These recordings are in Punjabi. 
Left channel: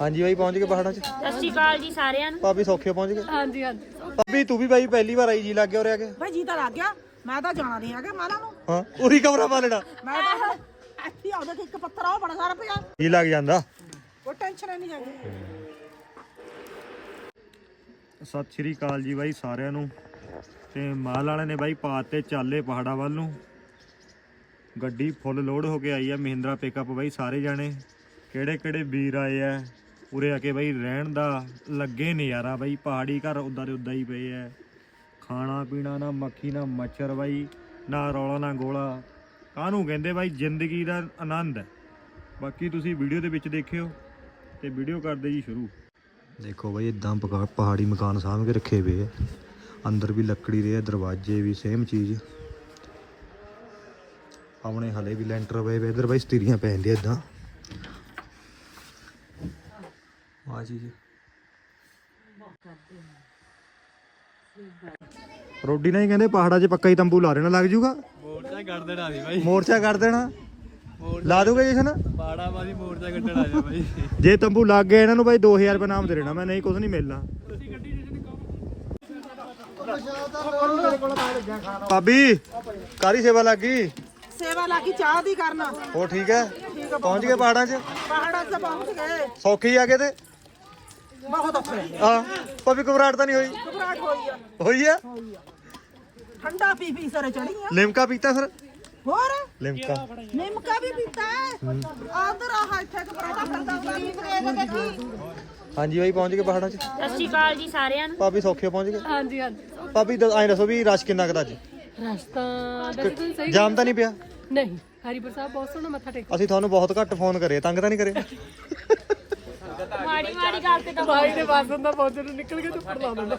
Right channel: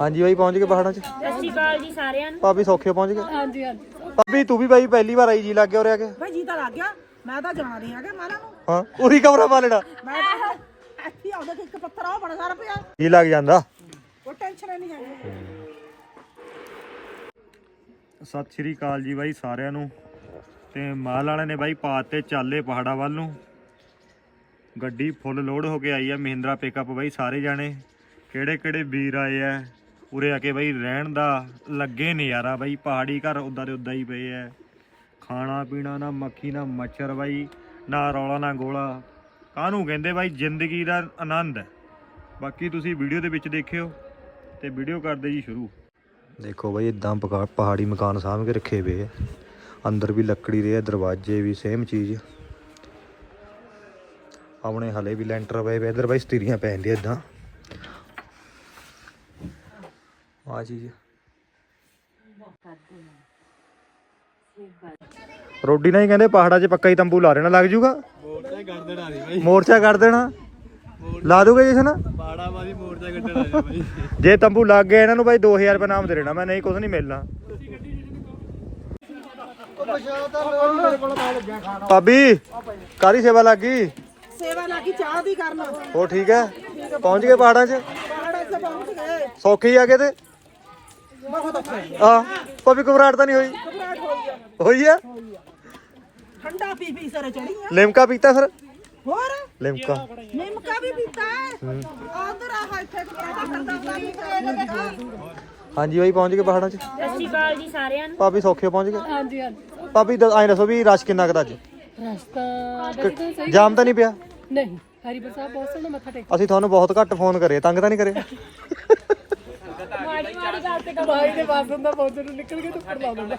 ਹਾਂਜੀ ਬਾਈ ਪਹੁੰਚ ਗਏ ਪਹਾੜਾਂ 'ਚ? ਸਤਿ ਸ਼੍ਰੀ ਅਕਾਲ ਜੀ ਸਾਰਿਆਂ ਨੂੰ। ਭਾਬੀ ਸੌਖੇ ਪਹੁੰਚ ਗਏ? ਹਾਂਜੀ ਹਾਂਜੀ। ਭਾਬੀ ਤੂੰ ਵੀ ਬਾਈ ਪਹਿਲੀ ਵਾਰ ਆਈ ਜੀ ਲੱਗ ਗਿਆ ਉਰੇ ਆ ਕੇ? ਬਈ ਜੀ ਤਾਂ ਲੱਗ ਗਿਆ। ਮੈਂ ਤਾਂ ਜਾਣਾ ਨਹੀਂ ਹੈਗਾ ਮਾਲਾ ਨੂੰ। ਹਾਂ ਉਰੀ ਕਮਰਾ ਪਾ ਲੈਣਾ। ਮੈਂ ਤਾਂ ਹੁਣ ਇੱਥੇ ਆਉਂਦਾ ਕਿ ਇੱਕ ਪੱਥਰ ਆ ਉਹ ਬੜਾ ਸਾਰਾ ਪਿਆ। ਜੀ ਲੱਗ ਜਾਂਦਾ। ਉਹ ਟੈਨਸ਼ਨ ਹੀ ਨਹੀਂ ਜਾਂਦੀ ਸਤਿ ਸ਼੍ਰੀ ਅਕਾਲ ਜੀ ਬਾਈ ਸਾਰਿਆਂ ਨੂੰ। ਤੇ ਮਾਲ ਵਾਲਿਆਂ ਨੇ ਬਾਈ ਪਾਤੇ ਚਾਲੇ ਪਹਾੜਾਂ ਵੱਲ ਨੂੰ। ਗੱਡੀ ਫੁੱਲ ਲੋਡ ਹੋ ਕੇ ਆਈ ਆ ਮਹਿੰਦਰਾ ਪਿਕਅਪ ਬਾਈ ਸਾਰੇ ਜਾਣੇ। ਕਿਹੜੇ ਕਿਹੜੇ ਵੀਰ ਆਏ ਆ? ਉਰੇ ਆ ਕੇ ਬਾਈ ਰਹਿਣ ਦਾ ਲੱਗੇ ਨਜ਼ਾਰਾ ਬਾਈ, ਪਹਾੜੀ ਘਰ ਉਦਾਂ ਦੇ ਉਦਾਂ ਹੀ ਪਏ ਆ। ਖਾਣਾ ਪੀਣਾ ਨਾ ਮੱਖੀ, ਨਾ ਮੱਛਰ ਬਾਈ, ਨਾ ਰੌਲਾ, ਨਾ ਗੋਲਾ। ਕਾਹਨੂੰ ਕਹਿੰਦੇ ਬਾਈ ਜ਼ਿੰਦਗੀ ਦਾ ਆਨੰਦ? ਹੈ ਬਾਕੀ ਤੁਸੀਂ ਵੀਡੀਓ ਦੇ ਵਿੱਚ ਦੇਖਿਓ ਤੇ ਵੀਡੀਓ ਕਰਦੇ ਜੀ ਸ਼ੁਰੂ। ਦੇਖੋ ਬਾਈ ਇਦਾਂ ਪਹਾੜੀ ਮਕਾਨ ਸਾਂਭ ਕੇ ਰੱਖੇ ਹੋਏ ਆ। ਅੰਦਰ ਵੀ ਲੱਕੜੀ ਦੇ ਆ, ਦਰਵਾਜ਼ੇ ਵੀ ਸੇਮ ਚੀਜ਼। ਆਪਣੇ ਹਲੇ ਵੀ ਲੈਂਟਰ ਪਏ ਵੇ, ਇਧਰ ਬਾਈ ਸਤੀਰੀਆਂ ਪੈ ਇਦਾਂ ਆ ਚੀਜ਼ ਰੋਡੀ ਨਾਲ ਹੀ ਕਹਿੰਦੇ ਪਹਾੜਾਂ 'ਚ ਪੱਕਾ ਹੀ ਤੰਬੂ ਲਾ ਦੇਣਾ ਲੱਗ ਜੂਗਾ? ਮੋਰਚਾ ਕਰ ਦੇਣਾ ਸੀ ਬਾਈ। ਮੋਰਚਾ ਕਰ ਦੇਣਾ? ਲਾ ਦੋਗੇ ਜਸ਼ਨ? ਬਾੜਾ ਮਾਰੀ ਮੋਰਚਾ ਕੱਢਣਾ ਸੀ ਬਾਈ। ਜੇ ਤੰਬੂ ਲੱਗ ਗਿਆ ਇਹਨਾਂ ਨੂੰ ਬਾਈ 2000 ਰੁਪਏ ਨਾਮ ਦੇ ਦੇਣਾ ਮੈਂ ਨਹੀਂ ਕੁਝ ਨਹੀਂ ਮਿਲਣਾ। ਭਾਬੀ ਕਾਦੀ ਸੇਵਾ ਲੱਗ? ਗਈ ਸੇਵਾ ਲੱਗੀ ਚਾਹ ਦੀ ਕਰਨ। ਉਹ ਠੀਕ ਹੈ? ਪਹੁੰਚ ਗਏ ਪਹਾੜਾਂ 'ਚ? ਪਹਾੜਾਂ 'ਚ ਪਹੁੰਚ ਗਏ। ਸੌਖੀ ਆ ਗਏ ਤੇ? ਔਖੇ ਹਾਂ ਭਾਬੀ ਘਬਰਾਹਟ ਤਾਂ ਨਹੀਂ ਹੋਈ? ਘਬਰਾਹਟ ਹੋਈ ਆ। ਹੋਈ ਆ? ਠੰਡਾ ਪੀ ਪੀ ਸਰੇ ਚੜੀ ਆ। ਲਿਮਕਾ ਪੀਤਾ ਫਿਰ? ਹੋਰ? ਲਿਮਕਾ। ਨਿਮਕਾ ਵੀ ਪੀਤਾ ਹੈ? ਆਦਰ ਆਹ ਇੱਥੇ ਕਪੜਾ ਠੰਡਾ ਹਾਂਜੀ ਬਾਈ ਪਹੁੰਚ ਗਏ ਪਹਾੜਾਂ 'ਚ? ਸਤਿ ਸ਼੍ਰੀ ਅਕਾਲ ਜੀ ਸਾਰਿਆਂ ਨੂੰ। ਭਾਬੀ ਸੌਖੇ ਪਹੁੰਚ ਗਏ? ਹਾਂਜੀ ਹਾਂਜੀ। ਭਾਬੀ ਐਂ ਦੱਸੋ ਵੀ ਰਸ਼ ਕਿੰਨਾ ਕੁ ਅੱਜ? ਰਸਤਾ ਵੈਸੇ ਤਾਂ ਸਹੀ ਜਾਮ ਤਾਂ ਨਹੀਂ ਪਿਆ? ਨਹੀਂ ਹਰੀਪੁਰ ਸਾਹਿਬ ਬਹੁਤ ਸੋਹਣਾ ਮੱਥਾ ਟੇਕ ਅਸੀਂ ਤੁਹਾਨੂੰ ਬਹੁਤ ਘੱਟ ਫੋਨ ਕਰੇ ਤੰਗ ਤਾਂ ਨਹੀਂ ਕਰੇ? ਮਾੜੀ ਮਾੜੀ ਗੱਲ ਤੇ ਤਾਂ ਬਾਈ ਦੇ ਬਾਸਨ ਦਾ ਪਹੁੰਚਣ ਨੂੰ ਨਿਕਲ ਕੇ ਚੁੱਪਰ ਲਾ ਦਿੰਦਾ।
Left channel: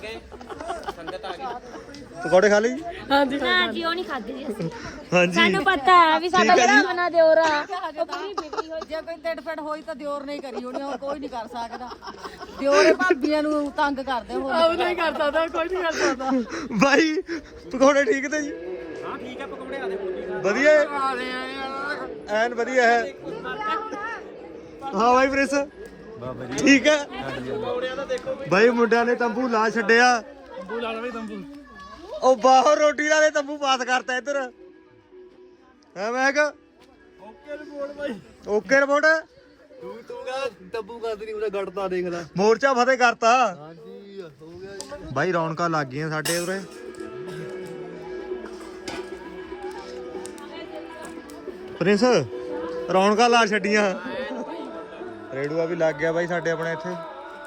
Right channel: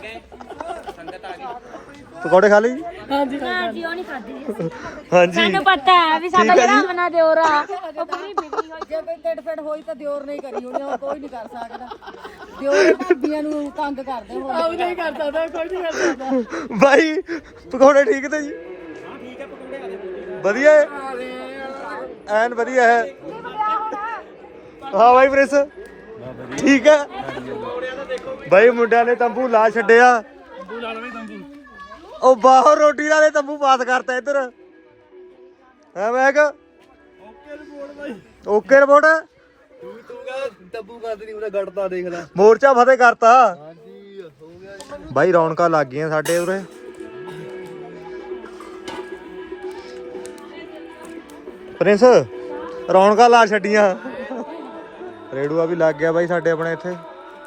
ਪਕੌੜੇ ਖਾ ਲਈ ਹਾਂਜੀ ਨਾ ਜੀ ਉਹ ਨਹੀਂ ਖਾਦੇ ਅਸੀਂ ਹਾਂਜੀ। ਸਾਨੂੰ ਪਤਾ ਹੈ ਵੀ ਸਾਡਾ ਠੀਕ ਹੈ ਜੀ। ਭਰਾਵਾਂ ਦੇ ਹੋਰਾ ਜੇ ਕੋਈ ਟਿੱਡ ਫਿੱਟ ਹੋਈ ਤਾਂ ਦਿਓਰ ਨਹੀਂ ਕਰੀ ਹੋਣੀ ਹੋਰ ਕੋਈ ਨਹੀਂ ਕਰ ਸਕਦਾ। ਦਿਓਰ ਭਾਬੀਆਂ ਨੂੰ ਤੰਗ ਕਰਦੇ ਹੋ ਆਉ ਨਹੀਂ ਕਰ ਸਕਦਾ ਕੋਈ ਨਹੀਂ ਕਰ ਸਕਦਾ। ਬਾਈ ਪਕੌੜੇ ਠੀਕ ਤੇ ਜੀ? ਹਾਂ ਠੀਕ ਹੈ ਪਕੌੜੇ ਆ ਦੇ ਵਧੀਆ ਹੈ? ਐਨ ਵਧੀਆ ਹੈ। ਹਾਂ ਬਾਈ ਪ੍ਰਿੰਸ। ਠੀਕ ਹੈ? ਬਾਈ ਮੁੰਡਿਆਂ ਨੇ ਤੰਬੂ ਲਾ ਛੱਡਿਆ। ਤੰਬੂ ਲਾ ਬਈ ਤੰਬੂ। ਉਹ ਬਾਹਰ ਰੋਟੀ ਵਾਲੇ ਤੰਬੂ ਪਾਸ ਕਰਤਾ ਇੱਧਰ। ਹੈ ਕਿਹਾ ਓਕੇ ਰਿਪੋਰਟ ਬਾਈ। Okay report? ਤੂੰ ਤੂੰ ਕਹ ਤੱਬੂ ਕਰ ਨਹੀਂ ਉਹਦਾ ਗੜਦਾ ਦੇਖ ਲੈ। ਮੋਰਚਾ ਫਤਿਹ ਕਰਤਾ। ਹਾਂਜੀ ਹੋ ਗਿਆ ਬਾਈ ਰੌਣਕਾਂ ਲੱਗ ਗਈਆਂ ਸਾਡੇ ਉਰੇ। ਪ੍ਰਿੰਸ ਰੌਣਕਾਂ ਲਾ ਛੱਡੀਆਂ। ਰੇੜੂਆ ਵੀ ਲੱਗ ਗਿਆ ਬਾਈ ਸਾਡੇ ਆਪਣੇ ਇੱਥੇ।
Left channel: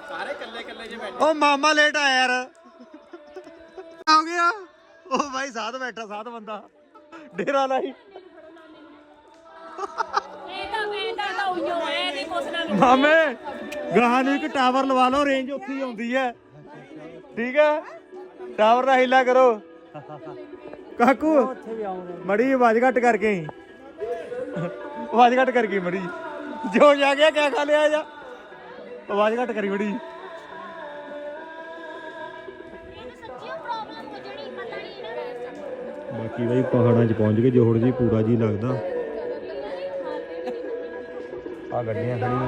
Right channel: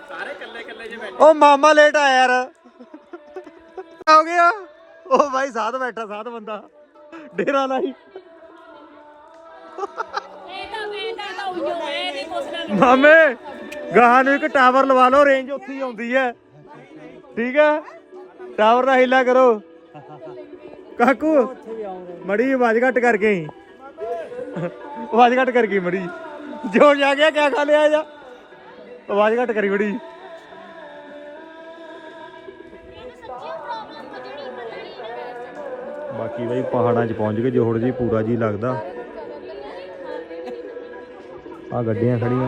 ਸਾਰੇ ਕੱਲੇ ਕੱਲੇ ਜੇ ਬੈਠੇ। ਉਹ ਮਾਮਾ ਲੇਟ ਆਇਆ ਯਾਰ। ਹੋ ਗਿਆ। ਉਹ ਬਾਈ ਸਾਧ ਬੈਠਾ ਸਾਧ ਬੰਦਾ। ਡੇਰਾ ਲਾਈ। ਮਾਮੇ ਗਾਹਾਂ ਨੂੰ ਇੱਕ ਟਾਵਰ ਲਵਾ ਲਓ ਰੇਂਜ ਉੱਥੇ ਹੀ ਆਉਂਦੀ ਹੈ। ਠੀਕ ਹੈ ਟਾਵਰ ਦਾ ਹਿੱਲਾ ਕਰੋ। ਕਾਕੂ ਮੜੀ ਆਵਾਜ਼ ਘੱਟ ਕਰਕੇ ਆਵਾਜ਼ ਘੱਟ ਕਰਕੇ ਮੜੀ। ਜੋ ਜਾ ਗਿਆ ਕਿਆ ਖਾ ਲਿਆ ਜਾ? ਆਵਾਜ਼ ਘੱਟ ਕਰੀ ਮੜੀ ਬਾਕੀ ਬਈ ਪਹਾੜਾਂ 'ਚ ਪਹੁੰਚ ਗਏ ਜੋੜ ਜੀ ਪੂਰਾ ਜੀ ਲੱਗਦਾ। ਆ ਗੱਡੀਆਂ ਖੜੀਆਂ।